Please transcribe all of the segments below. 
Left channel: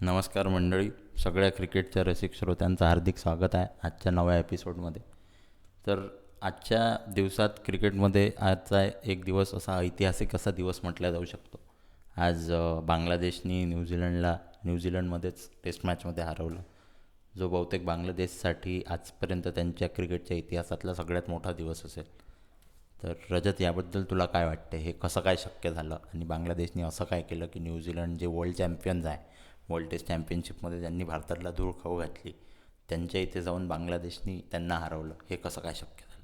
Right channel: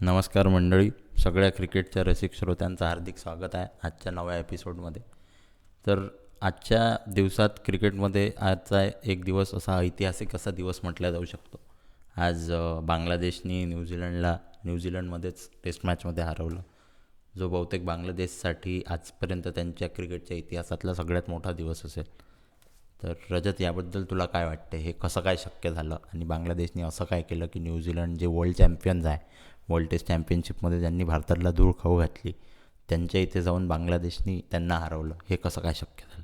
नमस्कार मंडळी, सगळ्या क्रिकेटच्या रसिक श्रोत्यांचं हार्दिक स्वागत आहे आजच्या नव्या एपिसोडमध्ये. तर आजच्या दिवसात क्रिकेटमध्ये आजचा एक दिवस असा ऐतिहासिक असा दिवस म्हटला जाऊ शकतो. आज बांगलादेशनी न्यूझीलंडमध्येच टेस्ट मॅचमध्ये हरवलं, जो बहुतेक बांगलादेशसाठी आजपर्यंत त्यांच्या क्रिकेटच्या इतिहासातला सगळ्यात मोठा दिवस असेल. तर रजत, याबद्दल तुला काय वाटते? हे कसं काय शक्य झालं आणि बांगलादेशने असं काय केलं की न्यूझीलंड जे वर्ल्ड चॅम्पियन्स आहे, वर्ल्ड टेस्ट चॅम्पियनशिपमध्ये ज्यांनी भारताला धूळ खाऊ घातली, त्यांच्या इथे जाऊन बांगलादेशनी त्यांना हरवलं, हे कसं काय शक्य झालं?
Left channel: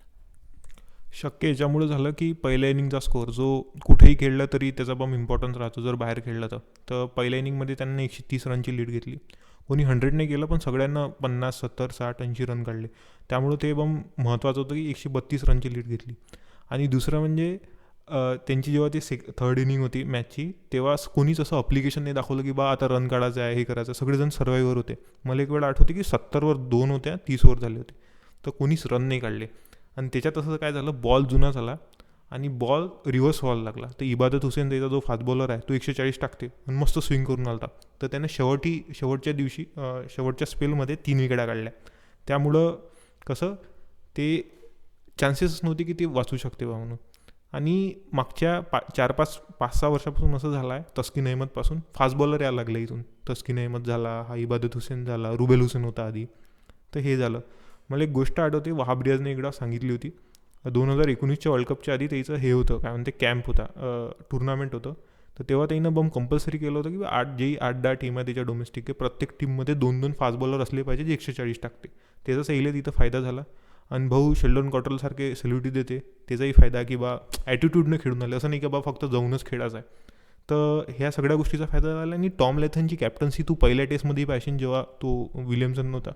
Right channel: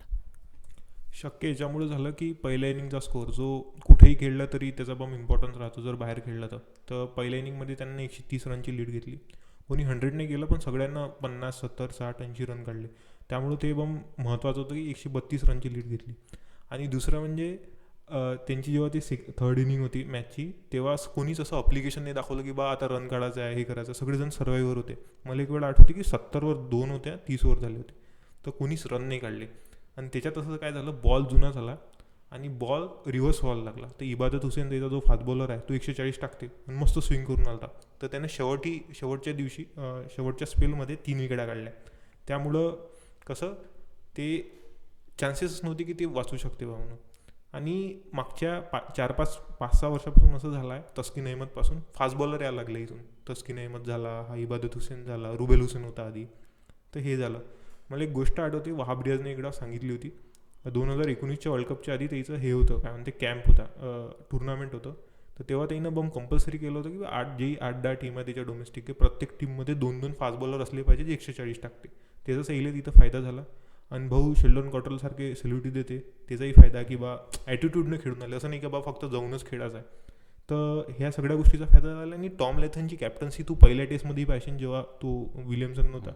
शक्य याच्यामुळे झालं की पहिल्या इनिंगचा स्कोअर जो कुठेही खेळला तरी त्याचा पण इम्पॉर्टन्स राहतो जर बाहेर खेळला तर पहिल्या इनिंगमध्ये त्यांनी 130 रनची लीड घेतली. कोणी 100 नाही केलं पण सगळ्यांना 50, 70, 60, 80 रन काढले. त्यामुळे ते पण महत्त्वाचं होतं की 132 रनची लीड घेतली. आणि दुसरं म्हणजे त्यांची जेव्हा ती थर्ड इनिंग होती मॅचची, तेव्हा कोणीच असं अप्लिकेशन नाही दाखवलं की बा आता रन काढायचं आहे, हे करायचं. सगळेजण सर्वाईवर होते. मला एक वेळ आठवते की 70वर 2 होत्या, 30 ओव्हर झाले होते, तर कोणीच रन नाही काढले. आणि त्याच्यात असं काय झालं, बॉल जुना झाला आणि बॉल रिव्हर्स व्हायला लागला. तर इबादत हुसेन त्याचा जो फास्ट बॉलर आहे तो 140 टाकते आणि मस्त स्विंग करून आलता. तर त्याने शेवटच्या दिवशी शेवटच्या स्पेलमध्ये 3 विकेटा काढल्या. त्यामुळं कसं ते चान्सेस नव्हते की ते वाचू शकते बा म्हणून. आणि मागच्या 4-5-5-6 वर्षापासून असं झालं आहे, तस्किन अहमदपासून फास्ट बॉलर यायला लागले इथून. तस्किन अहमद झाला, हा इबादत हुसेन झाला, रुबेल हुसेन होता आधी. तर हे झालं. मला एक गोष्ट आठवते, वहाब रियाजने एकदा सांगितली होती. 2019च्या वर्ल्ड कपच्या आधी त्याचं हे होतं, काय म्हणते, कॅम्प होता, टुर्नामेंट होतं. तर तेव्हा त्यानं कंपल्सरी केलं होतं की 8-10 टीम आहे त्याच्या डोमेस्टिक, प्रत्येक टीममध्ये 2-2 फास्ट बॉलर असले पाहिजे जे 140 टाकते. त्याचा सहीला तिथं फायदा झाला. आणि भाऊ शेल्डन कॉटरलसारखे सेल्युटी देते, त्याचाही फायदा की बा ॲटिट्यूडनं खेळून आले, असं नाही की बा फक्त जाऊनच खेळायचं आहे. तर ह्या सगळ्या गोष्टीचा फायदा झाला. आणि टॉम लेथनची कॅप्टन्सी तू पहिल्या टेस्टमध्ये पाहिजे, जेव्हा तो विलियमसन नव्हता,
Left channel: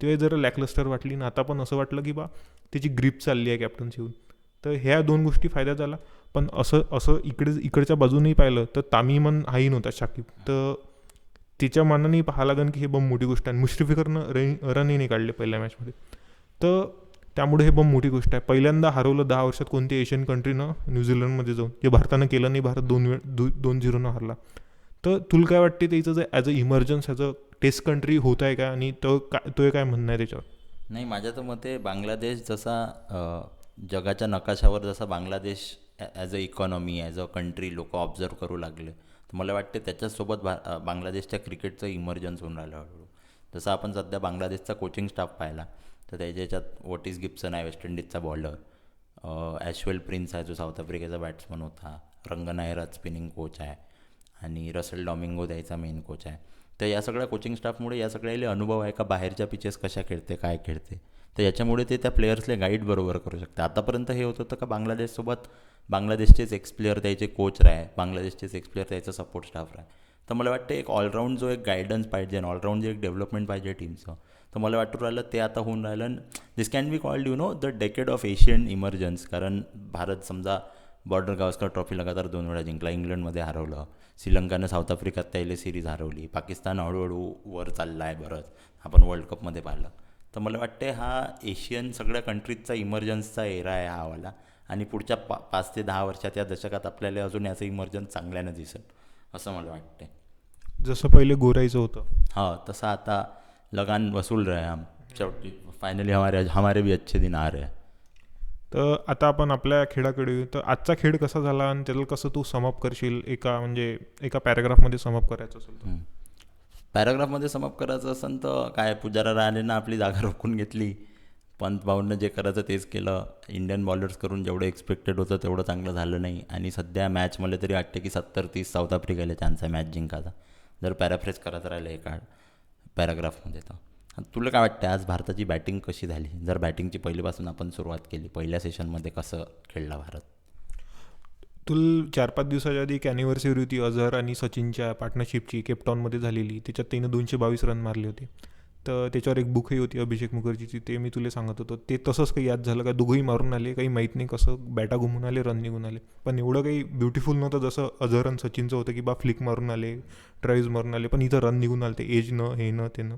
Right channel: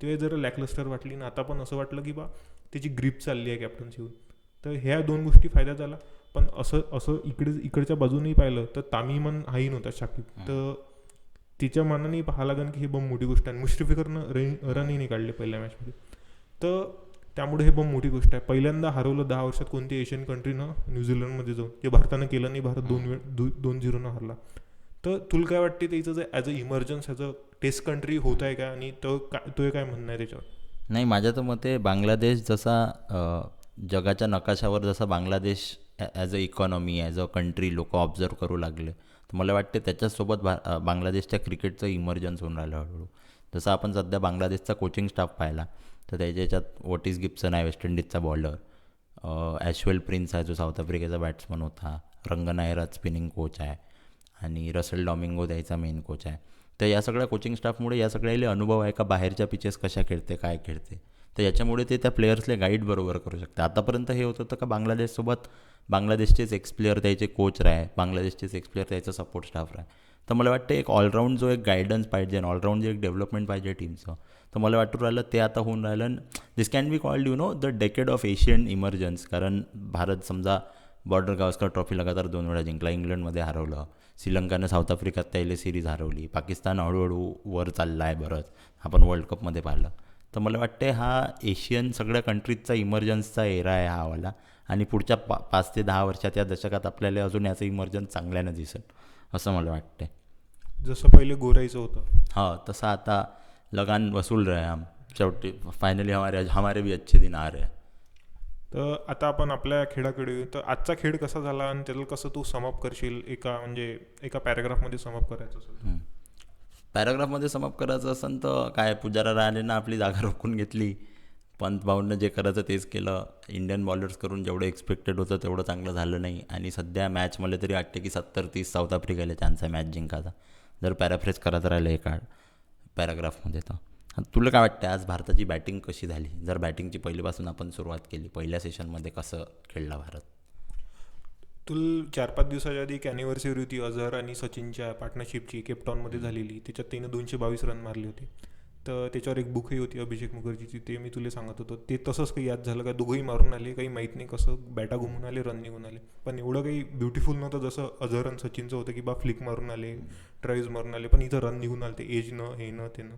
तेव्हा जरा लॅकलस्टर वाटली ना. आता पण असं वाटलं की बा त्याची ग्रीप चालली आहे कॅप्टन्सीहून. तर ह्या दोन गोष्टी फायदा झाला. पण असं असं इकडच्या बाजूनही पाहिलं तर तामिमन हाही नव्हता शाकिब, तर त्याच्या मानानेही पाहायला लागेल की हे बम मोठी गोष्ट आहे. मुश्रीफिकरनं रनही नाही काढले पहिल्या मॅचमध्ये. तर त्यामुळे हे बम मोठी गोष्ट आहे. पहिल्यांदा हरवलं 10 वर्षात कोणत्या एशियन कंट्रीनं न्यूझीलंडमध्ये जाऊन, जे भारतानं केलं नाही. भारत 2-0 हरला. तर तुला काय वाटते त्याचं जे as a emergence as a test country होत आहे का, आणि तो काय म्हणणं आहे त्याच्यावर? नाही, माझ्या तर मते बांगलादेश जसा जगाच्या नकाशावर जसा Bangladesh as a economy, as a country लोक ऑब्झर्व करू लागले, तर मला वाटते त्याच्यासोबत बांगलादेशच्या क्रिकेटचं इमर्जन्स होऊन राहिलं हळूहळू. जसं आपण सध्या बांगलादेशचा कोचिंग स्टाफ पाहिला, तर त्याच्या याच्यात वॉटिस गिब्सन आहे, वेस्ट इंडिजचा बॉलर. ॲशवेल प्रिन्स आहे, जो साऊथ आफ्रिकेचा बॅट्समन होता. रंगनायराज स्पिनिंग कोच आहे आणि रसेल डॉमिंगो द्यायचा मेन कोच आहे. तर या सगळ्या कोचिंग स्टाफमुळे या सगळ्याला अनुभव आहे का बाहेरच्या पिचेस कशा खेळते, काय खेळते. तर याच्यामुळे ते त्या प्लेयर्सले गाईड बरोबर करू शकते. आतापर्यंत हे होत होतं का बांगलादेशसोबत बांगलादेशचेच एक्स प्लेयर त्याचे कोच राहे, बांगलादेशचेच एक्स प्लेयर त्याचा सपोर्ट स्टाफ राहे. तर मला वाटतं एक ऑलराऊंड जो एक गायडन्स पाहिजे, ऑलराऊंड जे एक डेव्हलपमेंट पाहिजे टीमचं, तर मला वाटून राहिलं ते आता होऊन राहिलं. This can be called the decade of Asian emergence. कारण भारत समजा बॉर्डर गावस्कर ट्रॉफी लगातार 2 वेळा जिंकला, इंग्लंडमध्ये हरवलं, श्रीलंकानं साऊथ आफ्रिकात त्याला सिरीज हरवली, पाकिस्तान हळूहळू वर चालला आहे बरंच, आपण वर्ल्ड कपमध्ये पाहिलं. तर मला वाटते हा एशियन सगळ्या कंट्रीजचा इमर्जन्सचा एरा आहे हा वाला. आणि पुढच्या 5 ते 10 वर्षात या दशकात आपल्याला अजून याचं इमर्जन्स चांगल्यानं दिसेल, असं मला वाटते. जसं पहिले गोरायचं होतं. हाँ, तसं आता लगान वसूल रहे हम. शेवटी फायनली हमारे भी अच्छे दिन आ रहे हैं. तर आता आपण आपल्या खेळाकडे येऊ. तर आजचा खेळ कसा झाला आणि त्याला कसं तू समअप करशील, एका पॅराग्राफमध्ये समअप करायचं असेल? पॅराग्राफमध्ये समअप करायचं असेल तर काय, पुजारा राणेनं आपली जागा रोखून घेतली, पंत भाऊंनं जे करायचं तेच केलं. इंडियन बॉलर्स करून जेवढं एक्सपेक्टेड होतं तेवढं चांगलं झालं नाही. आणि सध्या मॅच मला तरी वाटते की 70-30 साऊथ आफ्रिकेला चान्स आहे मॅच जिंकायचा, जर पॅराफ्रेज करायचं राहिलं एका पॅराग्राफमध्ये. तर तुला काय वाटतं आज भारताची बॅटिंग कशी झाली? जर बॅटिंगची पहिलीपासून आपण सुरुवात केली, पहिल्या सेशनमध्ये कसं खेळला भारत? तुला 4-5 दिवसाच्या आधी एक ॲनिव्हर्सरी होती अझहर आणि सचिनच्या पार्टनरशिपची, केपटाऊनमध्ये झालेली. त्याच्यात त्यानं 222 रन मारले होते. तर त्याच्यावर एक बुकही होती अभिषेक मुखर्जीची, ते मी तुला सांगत होतो. ते तसंच काही याद झालं का, दोघंही मारून आले, काही माहीत नाही कसं बॅटा घुमून आले, रन निघून आले. पण एवढं काही ब्युटिफुल नव्हतं जसं अझहर आणि सचिनचं होतं की बा फ्लिक मारून आले, ड्राईव्ज मारून आले. पण इथं रन निघून आले, ते एजनं, हे न ते न.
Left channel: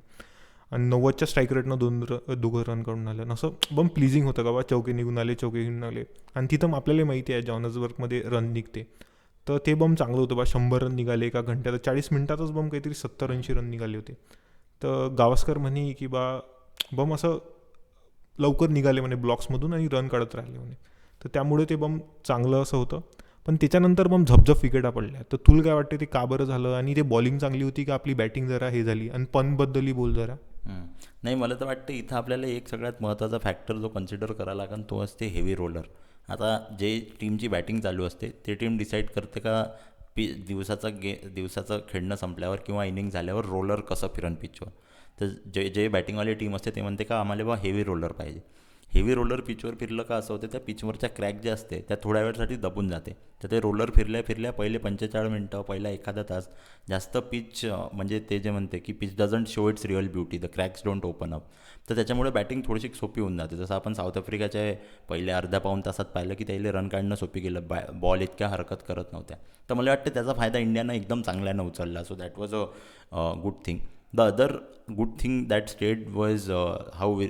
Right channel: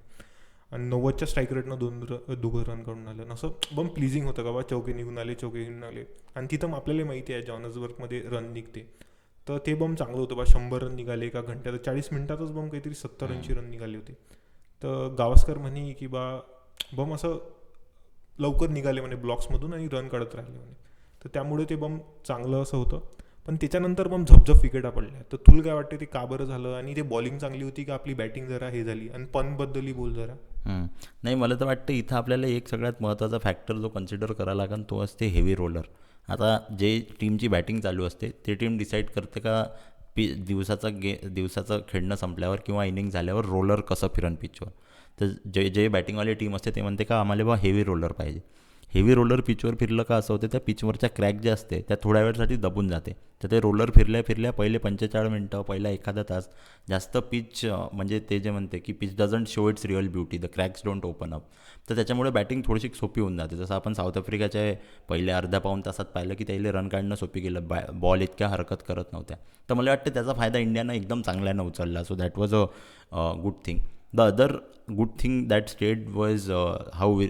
आणि 90च्या स्ट्राईक रेटनं दोघं रन काढून आलं. असं बम प्लीजिंग होतं का बा, चौके निघून आले, चौके निघून आले. आणि तिथं आपल्याला माहिती आहे जॉनसबर्गमध्ये रन निघते. तर ते बम चांगलं होतं बा. 100 रन निघाले एका घंट्यात, 40 मिनिटातच बम काहीतरी 70-80 रन निघाले होते. तर गावस्कर म्हणे की बा बम असं लवकर निघाले म्हणे ब्लॉक्समधून आणि रन काढत राहिले म्हणे. तर त्यामुळे ते बम चांगलं असं होतं. पण त्याच्यानंतर बम झपझप विकेटा पडल्या. तर तुला काय वाटते ते का बरं झालं? आणि ते बॉलिंग चांगली होती का आपली बॅटिंग जरा हे झाली? आणि पंतबद्दलही बोल जरा. नाही, मला तर वाटतं इथं आपल्याला एक सगळ्यात महत्त्वाचा फॅक्टर जो कन्सिडर करायला लागेल तो असते हेवी रोलर. आता जे टीमची बॅटिंग चालू असते ते टीम डिसाईड करते का दिवसाचं खेळणं संपल्यावर किंवा इनिंग झाल्यावर रोलर कसं फिरन पिचवर. तर जे बॅटिंगवाली टीम असते ते म्हणते का आम्हाला बा हेवी रोलर पाहिजे. हेवी रोलर पिचवर फिरलं का असं होतं त्या पिचवरच्या क्रॅक जे असते त्या थोड्या वेळसाठी दबून जाते. तर ते रोलर फिरल्या फिरल्या पहिले 45 मिनटं पहिला एखादा तास जास्त पिच म्हणजे ते जे म्हणते की pitch doesn't show it's real beauty, the cracks don't open up. तर त्याच्यामुळे बॅटिंग थोडीशी सोपी होऊन जाते. जसं आपण साऊथ आफ्रिकाच्या पहिले अर्ध्या पाऊण तासात पाहिलं की त्याला रन काढणं सोपी गेलं, बॉल इतक्या हरकत करत नव्हत्या. तर मला वाटतं त्याचा फायदा इंडियानं एकदम चांगल्यानं उचलला. So that was a good thing. The other good thing that state was how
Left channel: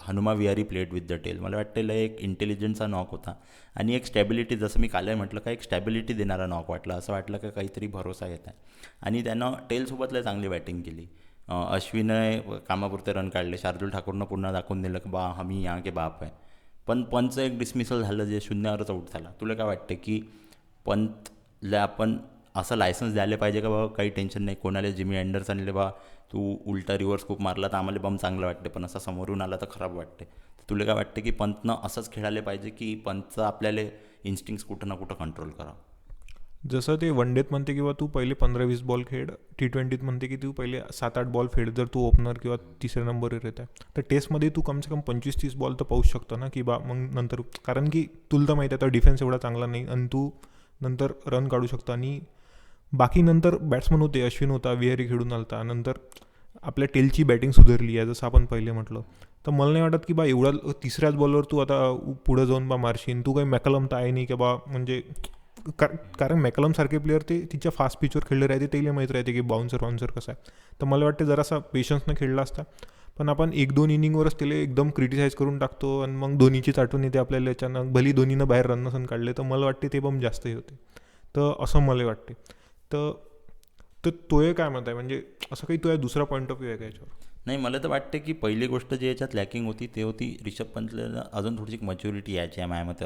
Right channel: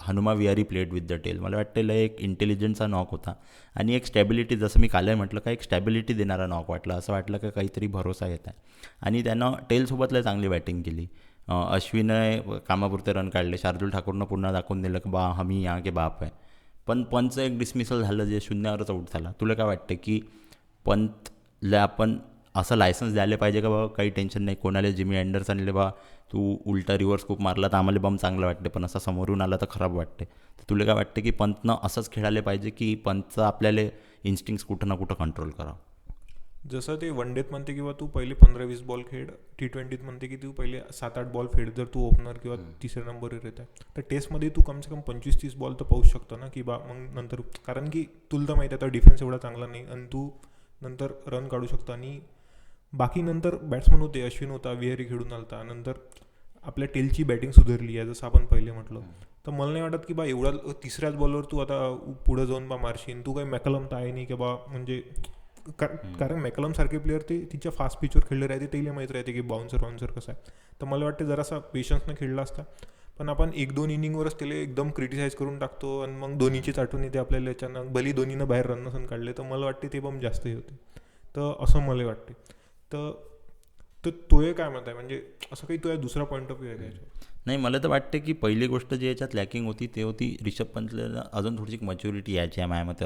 Hanuma Vihari played with the tail. मला वाटतं एक इंटेलिजन्सचा नॉक होता आणि एक स्टॅबिलिटी, जसं मी कालही म्हटलं का एक स्टॅबिलिटी देणारा नॉक वाटला. असं वाटलं का काहीतरी भरोसा येत आहे. आणि त्यानं टेलसोबतला चांगली बॅटिंग केली. अश्विनने कामापुरते रन काढले, शार्दूल ठाकूरनं पुन्हा दाखवून दिलं की बा हमी यहाँ के बाप आहे. पण पंतचं एक डिसमिसल झालं जे शून्यावरच आऊट झाला. तुला काय वाटतं की पंतला आपण असं लायसन्स द्यायला पाहिजे का बाबा काही टेन्शन नाही, कोणाला जिमी अँडरसनले बा तू उलटा रिव्हर्स खूप मारला तर आम्हाला बम चांगलं वाटते पण असा समोरून आला तर खराब वाटते. तर तुला काय वाटतं की पंतनं असंच खेळायला पाहिजे की पंतचं आपल्याला इन्स्टिंक्ट्स कुठं ना कुठं कंट्रोल करावं? जसं ते वन डेत म्हणते किंवा तू पहिले 15-20 बॉल खेळ, T20त म्हणते की तू पहिले 7-8 बॉल खेळ जर तू ओपनर किंवा तिसऱ्या नंबरवर येत आहे. तर टेस्टमध्ये तू कमसे कम 25-30 बॉल तर पाहू शकतो ना की बा मग नंतर, कारण की तुला तर माहिती आहे तर डिफेन्स एवढा चांगला नाही आणि तू नंतर रन काढू शकतो. आणि बाकी नंतर बॅट्समन होते, अश्विन होता, विहारी खेळून आलता, नंतर आपल्या टेलची बॅटिंग सुधारली आहे जसं आपण पहिले म्हटलं. तर मला नाही वाटत की बा एवढा तिसऱ्याच बॉलवर तू आता पुढं जाऊन बा मारशील. तू काही मॅकलम तर आहे नाही की बा म्हणजे कारण मॅकलम सारखे प्लेअर ते तिच्या फास्ट पिचवर खेळले राहते, त्याला माहीत राहते की बाउन्सर कसं आहे. तर मला वाटते जरासा पेशन्सनं खेळला असता. पण आपण 1-2 इनिंगवरच त्याला एकदम क्रिटिसाईज करून टाकतो आणि मग धोनीचीच आठवण येते आपल्याला अचानक, भली धोनीनं बाहेर रन नसन काढले. तर मला वाटते ते बम जास्तही होते. तर असं मला वाटते. तर तर तोय काय म्हणत आहे म्हणजे असं काही तुझ्या दुसरा पॉईंट ऑफ व्ह्यू आहे का याच्यावर? नाही, मला तर वाटतं की पहिली गोष्ट जी याच्यात लॅकिंग होती ते होती रिषभ पंतला अजून थोडीशी मॅच्युरिटी यायची आहे माझ्या मते.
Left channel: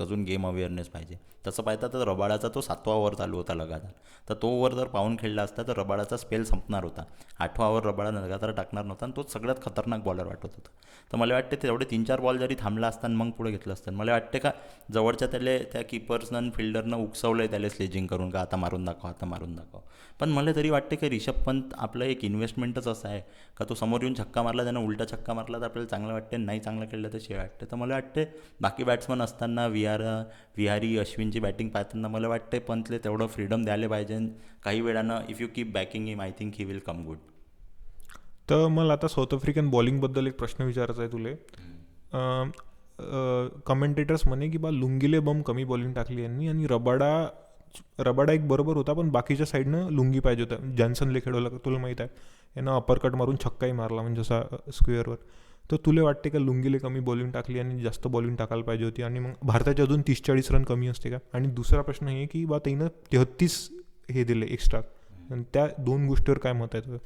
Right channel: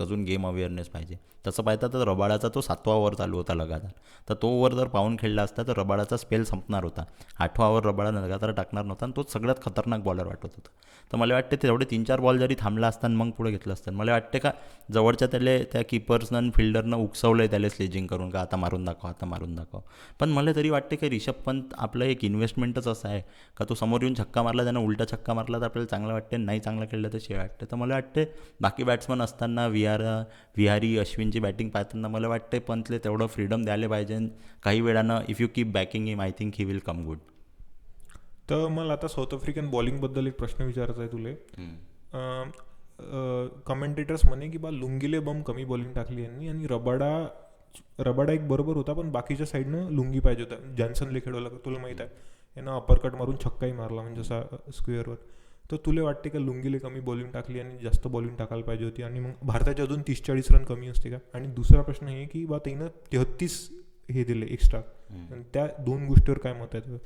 अजून गेम अवेअरनेस पाहिजे. तसं पाहता तर रबाडाचा तो 7वा ओव्हर चालू होता लगातार. तर तो ओव्हर जर पाहून खेळला असता तर रबाडाचा स्पेल संपणार होता. 8वा ओव्हर रबाडा लगातार टाकणार नव्हता आणि तोच सगळ्यात खतरनाक बॉलर वाटत होता. तर मला वाटते तेवढे 3-4 बॉल जरी थांबला असता आणि मग पुढे घेतलं असतं, मला वाटते का जवळच्या त्या किपर्सनं आणि फिल्डरनं उकसवलं आहे त्याला स्लेजिंग करून का आता मारून दाखव. पण मला तरी वाटते की रिषभ पंत आपलं एक इन्व्हेस्टमेंटच असं आहे का तो समोर येऊन छक्का मारला, त्यानं उलटा छक्का मारला तर आपल्याला चांगलं वाटते, नाही चांगलं खेळलं तर शिवाय वाटते. तर मला वाटते बाकी बॅट्समन असताना विहारी अश्विनची बॅटिंग पाहताना मला वाटते पंतले तेवढं फ्रीडम द्यायला पाहिजे. काही वेळानं if you keep backing him I think he will come good. तर मला आता साऊथ आफ्रिकन बॉलिंगबद्दल एक प्रश्न विचारायचा आहे तुले. कमेंटेटर्स म्हणे की बा लुंगीले बम कमी बॉलिंग टाकली यांनी आणि रबाडा एक बरोबर होता पण बाकीच्या साईडनं लुंगी पाहिजे होता. जॉन्सनले खेळवलं तुला माहीत आहे, यानं अपरकट मारून छक्काही मारला म्हणजे असा स्क्वेअरवर. तर तुला वाटते का लुंगीले कमी बॉलिंग टाकली आणि जास्त बॉलिंग टाकायला पाहिजे होती आणि मग भारताचे अजून 30-40 रन कमी असते का? आणि दुसरा प्रश्न हे की बा त्यानं 33 हे दिले एक्स्ट्रा, आणि त्या 2 गोष्टीवर काय मत आहे तुझं?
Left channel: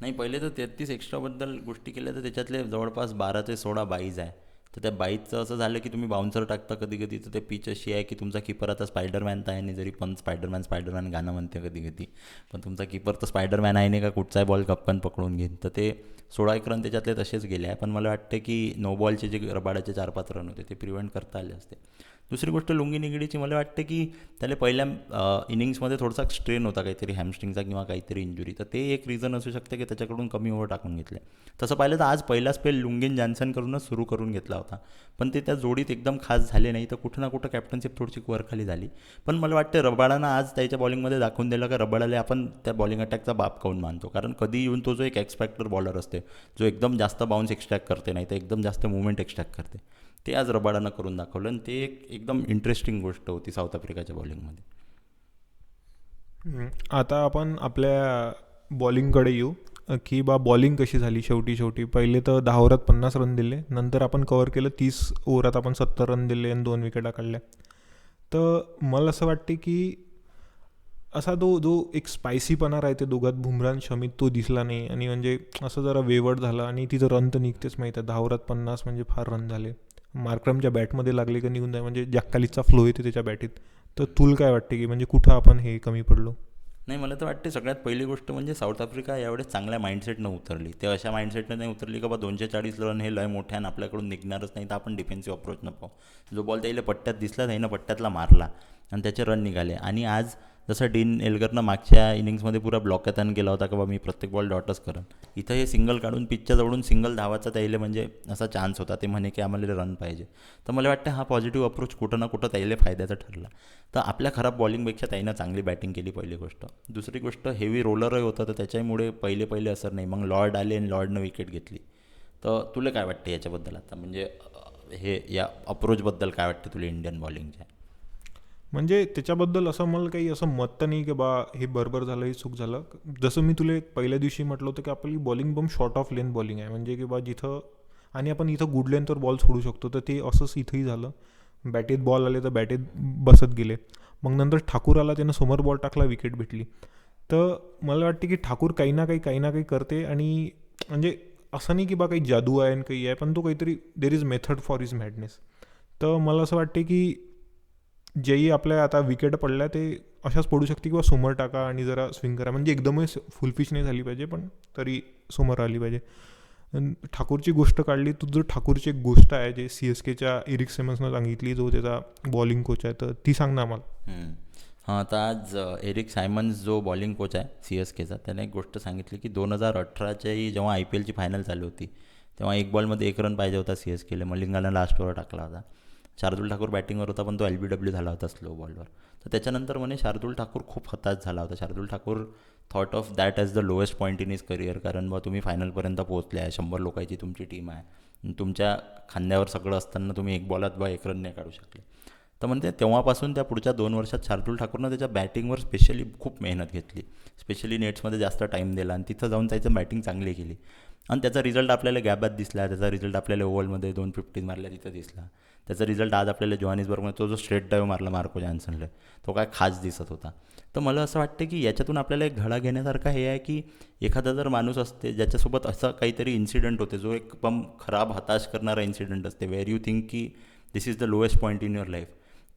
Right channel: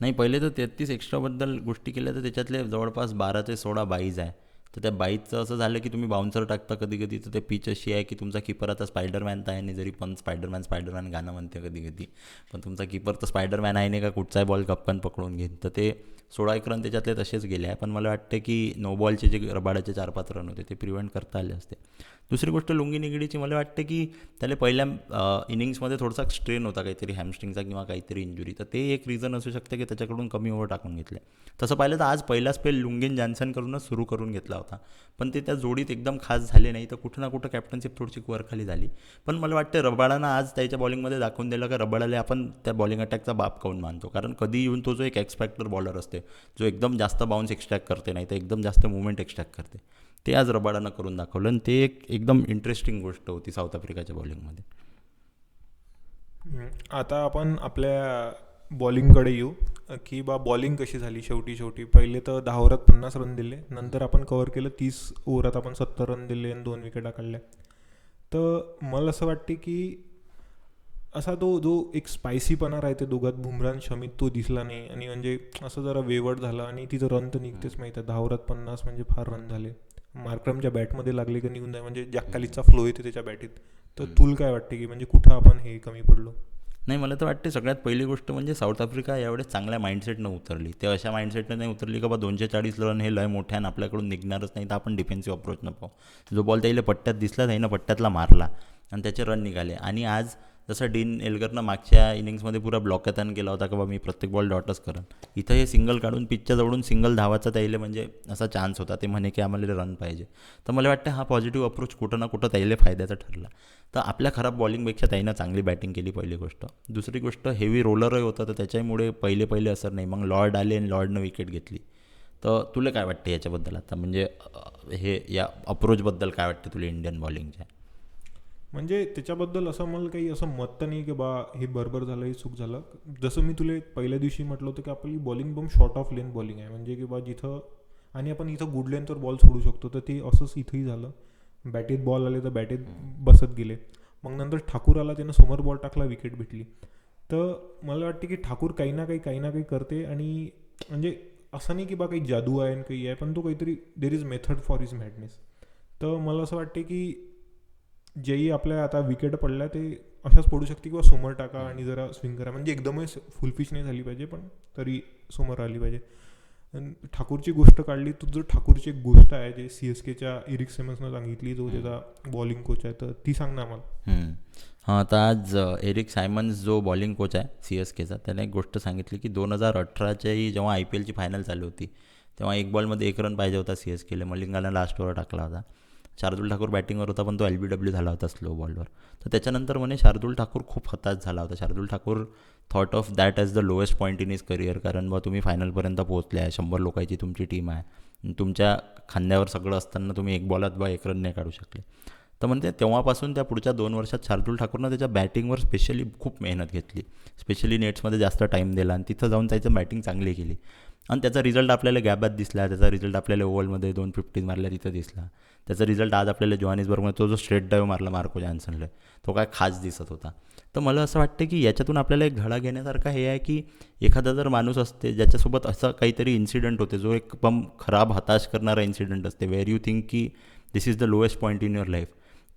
नाही, पहिले तर 33 एक्स्ट्राबद्दल गोष्टी केल्या तर त्याच्यातले जवळपास 12 ते 16 बाईज आहे. तर त्या बाईजचं असं झालं की तुम्ही बाउन्सर टाकता कधी कधी तर ते पिच अशी आहे की तुमचा किपर आता स्पायडरमॅन तर आहे नाही, जरी पण स्पायडरमॅन गाणं म्हणते कधी कधी, पण तुमचा किपर तर स्पायडरमॅन आहे नाही का कुठचाही बॉल कप्पन पकडून घेईन. तर ते 16 रन त्याच्यातले तसेच गेले आहे. पण मला वाटतं की नो बॉलचे जे रबाडाचे 4-5 रन होते ते प्रिव्हेंट करता आले असते. दुसरी गोष्ट लुंगी निगडीची, मला वाटते की त्याला पहिल्या इनिंग्समध्ये थोडासा स्ट्रेन होता काहीतरी हॅमस्ट्रिंगचा किंवा काहीतरी इंजुरी, तर ते एक रिझन असू शकते की त्याच्याकडून कमी ओव्हर टाकून घेतले. तसं पाहिलं तर आज पहिला स्पेल लुंगीन जॉन्सन करूनच सुरू करून घेतला होता, पण ते त्या जोडीत एकदम खास झाले नाही. तर कुठं ना कुठं कॅप्टनशिप थोडीशी वरखाली झाली. पण मला वाटतं रबाडानं आज त्याच्या बॉलिंगमध्ये दाखवून दिलं का रबाडाला आपण त्या बॉलिंग अटॅकचा बाप काऊन मानतो. कारण कधी येऊन तो जो एक एक्सपेक्टर बॉलर असते जो एकदम जास्त बाउन्स एक्स्ट्रॅक्ट करते नाही तर एकदम जास्त मुवमेंट एक्स्ट्रॅक्ट करते, ते आज रबाडानं करून दाखवलं. आणि ते एक एकदम इंटरेस्टिंग गोष्ट होती साऊथ आफ्रिकाच्या बॉलिंगमध्ये. आता आपण आपल्या बॉलिंगकडे येऊ की बा बॉलिंग कशी झाली. शेवटी पहिले तर 10 ओव्हरात 50 रन दिले, नंतर आपण कव्हर केलं 30 ओव्हरात आपण 70 रन दिले आणि 2 विकेटा काढल्या. तर मला असं वाटते की असा तो जो एक स्पायसीपणा राहते दोघात, बुमराह आणि शमीत, तो दिसला नाही. आणि म्हणजे असं जरा वेवड झालं. आणि तिचं रन तर निघतेच माहीत आहे, 10 ओव्हरात 50 म्हणजे फार रन झाले. मार्क्रमच्या बॅटमध्ये लागले का निघून जाय, म्हणजे जॅक्कालीचा फ्लो येते त्याच्या बॅटीत. तर तुला काय वाटते की म्हणजे कुठं आपण हे कमी पडलो? नाही, मला तर वाटते सगळ्यात पहिली गोष्ट म्हणजे साऊथ आफ्रिका यावेळेस चांगल्या माइंडसेटनं उतरली. ते अशा माइंडसेटनं नाही उतरली का बा 240 रन हे लय मोठ्या आणि आपल्याकडून निघणारच नाही, तर आपण डिफेन्सिव्ह अप्रोचनं पाहू. जो बॉल त्याला पट्ट्यात दिसला त्यानं पट्ट्यातला मारला आणि त्याचे रन निघाले. आणि आज जसं डीन एल्गरनं मागच्या इनिंग्समध्ये पुरा ब्लॉकॅथन केला होता का बा मी प्रत्येक बॉल डॉटच करेन, इथं हे सिंगल काढून पिचच्या जवळून सिंगल धावाचा त्याला म्हणजे असा चान्स होता. ते म्हणे की आम्हाला रन पाहिजे. तर मला वाटतं हा पॉझिटिव्ह अप्रोच कुठं ना कुठं त्याला फायद्याचा ठरला. तर आपल्या खराब बॉलिंगपेक्षा त्यानं चांगली बॅटिंग केली, पहिली गोष्ट. दुसरी गोष्ट, हेवी रोलरही होतं तर त्याच्यामुळे पहिले पहिले असर नाही. मग लॉर्ड आले आणि लॉर्डनं विकेट घेतली. तर तुला काय वाटतं याच्याबद्दल आता, म्हणजे हे या अप्रोचबद्दल काय वाटतं तुला इंडियन बॉलिंगच्या? म्हणजे त्याच्याबद्दल असं मला काही असं मत तर नाही की बा हे बरोबर झालं, हे चूक झालं. जसं मी तुला पहिल्या दिवशी म्हटलं होतं की आपली bowling bomb short of length bowling आहे, म्हणजे की बा जिथं, आणि आपण इथं गुड लेंथवर बॉल सोडू शकतो. तर ते असंच इथंही झालं. बॅटेत बॉल आले तर बॅटेत बसत गेले. मग नंतर ठाकूर आला, त्यानं समोर बॉल टाकला, विकेट भेटली. तर मला वाटते की ठाकूर काही ना काही करते. आणि म्हणजे असं नाही की बा काही जादू आहे आणि काही आहे, पण तो काहीतरी, there is method for is madness. तर मला असं वाटते की जेही आपल्या आता विकेट पडल्या ते अशाच पडू शकते किंवा समोर टाका आणि जरा स्विंग करा. म्हणजे एकदमच फुल पिच नाही झाली पाहिजे, पण तरी समोर आली पाहिजे. ठाकूरची गोष्ट काढली, तुझं ठाकूरची एक गोष्ट आहे जे सी एस केच्या एरिक सेमन्सनं सांगितली, जो त्याचा बॉलिंग कोच आहे, तर ती सांग ना आम्हाला. हां, तर आज एरिक सायमन्स जो बॉलिंग कोच आहे सी एस केचा, त्याने एक गोष्ट सांगितली की 2018च्याही जेव्हा आय पी एलची फायनल चालू होती तेव्हा एक बॉलमध्ये 1 रन पाहिजे होता सी एस केला. मलिंगानं लास्ट ओव्हर टाकला होता. शार्दूल ठाकूर बॅटिंगवर होता पण तो एल बी डब्ल्यू झाला होता स्लो बॉलवर. तर त्याच्यानंतर म्हणे शार्दूल ठाकूर खूप हताश झाला होता. Shardul Thakur thought of that as the lowest point in is career, कारण बा तुम्ही फायनलपर्यंत पोहोचले आहे, 100 लोकांची तुमची टीम आहे, तुमच्या खांद्यावर सगळं असताना तुम्ही एक बॉलात बा 1 रन नाही काढू शकले. तर म्हणते तेव्हापासून त्या पुढच्या 2 वर्षात शार्दूल ठाकूरनं त्याच्या बॅटिंगवर स्पेशली खूप मेहनत घेतली, स्पेशली नेट्समध्ये जास्त टाईम दिला आणि तिथं जाऊन त्याचं बॅटिंग चांगली केली. आणि त्याचा रिझल्ट आपल्याला गॅबात दिसला, त्याचा रिझल्ट आपल्याला ओव्हलमध्ये 250 मारल्या तिथं दिसला. त्याचा रिझल्ट आज आपल्याला जोहानिसबर्गमध्ये तो जो स्ट्रेट ड्राईव्ह मारला मार्को जॉन्सनला, तो काय खास दिसत होता. तर मला असं वाटतं की याच्यातून आपल्याला एक धडा घेण्यासारखा हे आहे की एखादा जर माणूस असते ज्याच्यासोबत असं काहीतरी इन्सिडेंट होते जो एकदम खराब हताश करणारा इन्सिडेंट असते, वेअर यू थिंक की this is the lowest point in your life,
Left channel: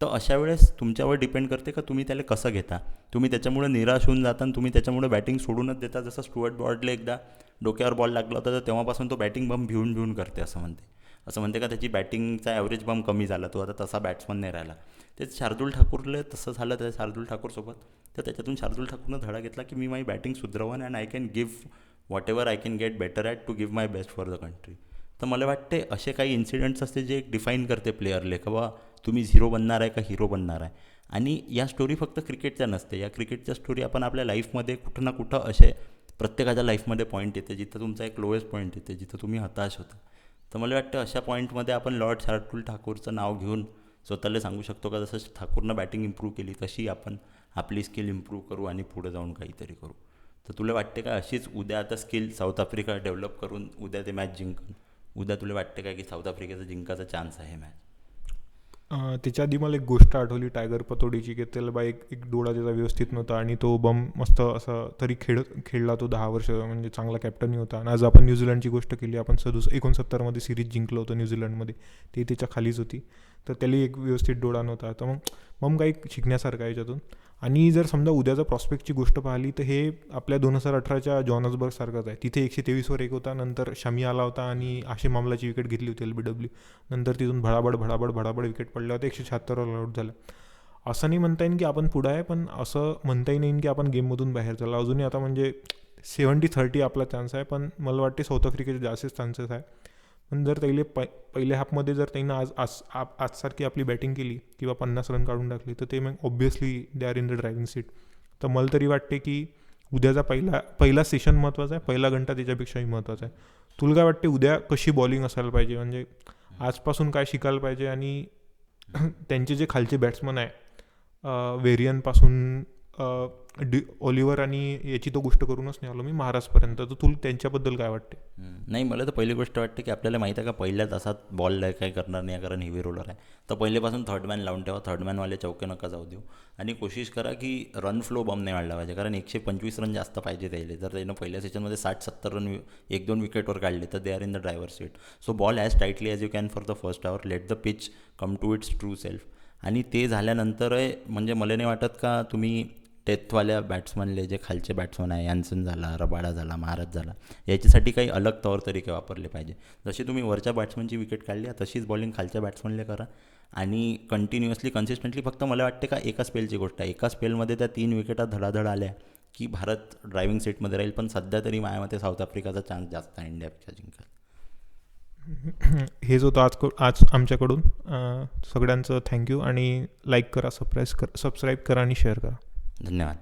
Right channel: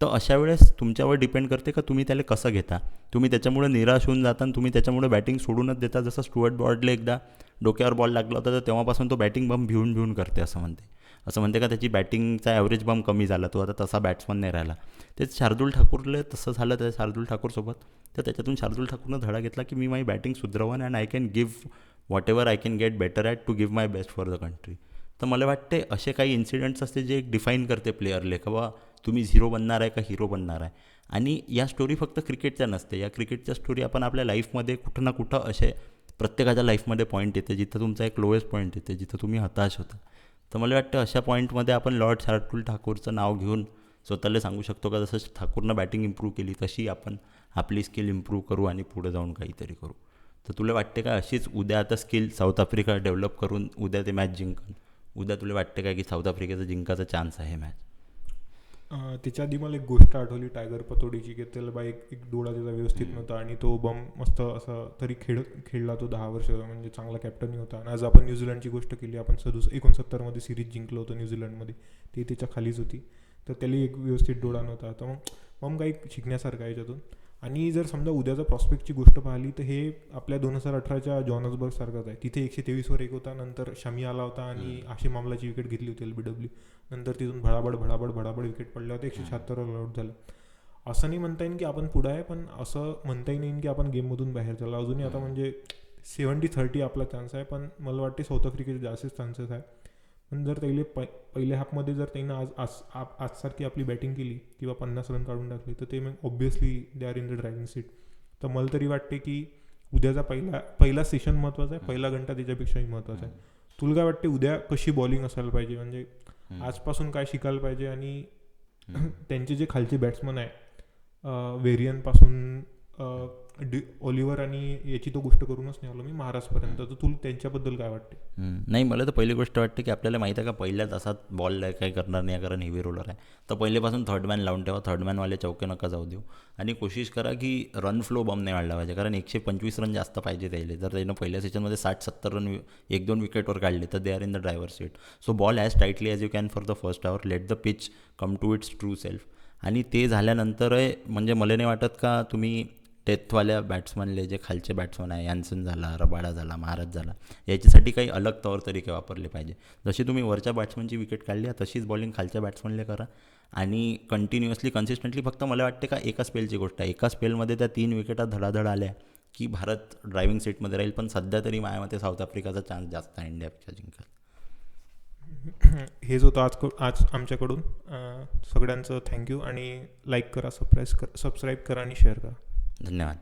तर अशा वेळेस तुमच्यावर डिपेंड करते का तुम्ही त्याला कसं घेता. तुम्ही त्याच्यामुळे निराश होऊन जाता आणि तुम्ही त्याच्यामुळे बॅटिंग सोडूनच देता. जसं स्टुअर्ट ब्रॉडले एकदा डोक्यावर बॉल लागला होता तर तेव्हापासून तो बॅटिंग बम भिवून भिवून करते असं म्हणते का त्याची बॅटिंगचा ॲव्हरेज बम कमी झाला, तो आता तसा बॅट्समन नाही राहिला. तेच शार्दूल ठाकूरला तसं झालं त्या शार्दूल ठाकूरसोबत. तर त्याच्यातून शार्दूल ठाकूरनं धडा घेतला की मी माझी बॅटिंग सुधरवन and I can give whatever I can get better at to give my best for the country. तर मला वाटते असे काही इन्सिडेंट्स असते जे एक डिफाईन करते प्लेअरले का बा तुम्ही झिरो बनणार आहे का हिरो बनणार आहे. आणि या स्टोरी फक्त क्रिकेटच्या नसते, या क्रिकेटच्या स्टोरी आपण आपल्या लाईफमध्ये कुठं ना कुठं असे प्रत्येकाच्या लाईफमध्ये पॉईंट येते जिथं तुमचा एक लोएस्ट पॉईंट येते, जिथं तुम्ही हताश होता. तर मला वाटतं अशा पॉईंटमध्ये आपण लॉर्ड शार्दूल ठाकूरचं नाव घेऊन स्वतःला सांगू शकतो का जसं ठाकूरनं बॅटिंग इम्प्रूव्ह केली तशी आपण आपली स्किल इम्प्रूव्ह करू आणि पुढे जाऊन काहीतरी करू. तर तुला वाटते का अशीच उद्या आता स्किल साऊथ आफ्रिका डेव्हलप करून उद्या ते मॅच जिंकन, उद्या तुला वाटते का की साऊथ आफ्रिकेचा जिंकायचा चान्स आहे मॅच? त्याच्या आधी मला एक गोष्ट आठवली टायगर पतोडीची, की त्याला बा एक एक डोळा त्याचा व्यवस्थित नव्हता आणि तो बम मस्त असा तरी खेळला तो 10 वर्ष, म्हणजे चांगला कॅप्टनही होता. आणि आज आपण न्यूझीलंडची गोष्ट केली, आपण 69मध्ये सिरीज जिंकलं होतं न्यूझीलंडमध्ये, ते त्याच्या खालीच होती. तर त्याला एक व्यवस्थित डोळा नव्हता. तर मग काही शिकण्यासारखं आहे याच्यातून. आणि जर समजा उद्याचा प्रॉस्पेक्टची गोष्ट पाहिली तर हे आपल्या 2018च्या जॉनसबर्ग सारखंच आहे. तिथे 123वर 1 होता, नंतर शमी आला होता आणि आशिम आमलाची विकेट घेतली होती LBW. नंतर तिथून भडाभड विकेट पडल्या होत्या, 176वर आउट झालं. असं नाही म्हणता येईन की आपण पुढं आहे, पण असं म्हणताही नाही की आपण गेममधून बाहेर झाला. अजूनही आता म्हणजे 70-30 आपला चान्स आहे, पण मला वाटते साऊथ आफ्रिकेचे जास्तच चान्सेस आहे. पण जर त्याला पहिल्या हाफमध्ये जर त्यांना आजसारखी आपली बॅटिंग केली किंवा 50 रन काढून टाकले तर ते मग obviously they are in the driving seat. तर मला तरी वाटते की उद्याचा पहिला सेशन महत्त्वाचा आहे, पहिला घंटा त्याच्यापेक्षाही महत्त्वाचा आहे. तुला काय वाटते उद्या कशी बॉलिंग असायला पाहिजे, म्हणजे आजपासून काय शिकायला पाहिजे? आणि त्यांचे जे खालचे बॅट्समन आहे, वेरियनपासून ऑलिव्हर आणि याची तो गोष्ट करूनच नाही आलो मी महाराजपर्यंत. तर तुला त्यांच्याबद्दल काय वाटते? नाही, मला तर पहिली गोष्ट वाटते की आपल्याला माहीत आहे का पहिल्या तासात बॉल काही करणार नाही कारण हेवी रोलर आहे. तर पहिलेपासून थर्ड मॅन लावून ठेवा, थर्ड मॅनवाले चौके नका जाऊ देऊ आणि कोशिश करा की रन फ्लो बम नाही वाढला पाहिजे कारण 125 रन जास्त पाहिजे त्याला. जर त्यानं पहिल्या सेशनमध्ये 60-70 रन 1-2 विकेटवर काढले तर they are in the driver seat. So bowl as tightly as you can for the first hour, let the pitch come to its true self. आणि ते झाल्यानंतर म्हणजे मला नाही वाटत का तुम्ही डेथवाल्या बॅट्समनले जे खालचे बॅट्समन आहे, यान्सन झाला, रबाडा झाला, महाराज झाला, याच्यासाठी काही अलग तौर तरीके वापरले पाहिजे. जशी तुम्ही वरच्या बॅट्समनची विकेट काढली तशीच बॉलिंग खालच्या बॅट्समनले करा आणि कंटिन्युअसली कन्सिस्टंटली. फक्त मला वाटते का एका स्पेलची गोष्ट आहे, एका स्पेलमध्ये त्या 3 विकेटा धडाधड आल्या की भारत ड्रायव्हिंग सीटमध्ये राहील. पण सध्या तरी माझ्या मते साऊथ आफ्रिकाचा चान्स जास्त आहे इंडियापेक्षा जिंकायला. हेच होतं आज आमच्याकडून. सगळ्यांचं थँक्यू आणि लाईक करा, सबस्क्राईब करा आणि शेअर करा. धन्यवाद.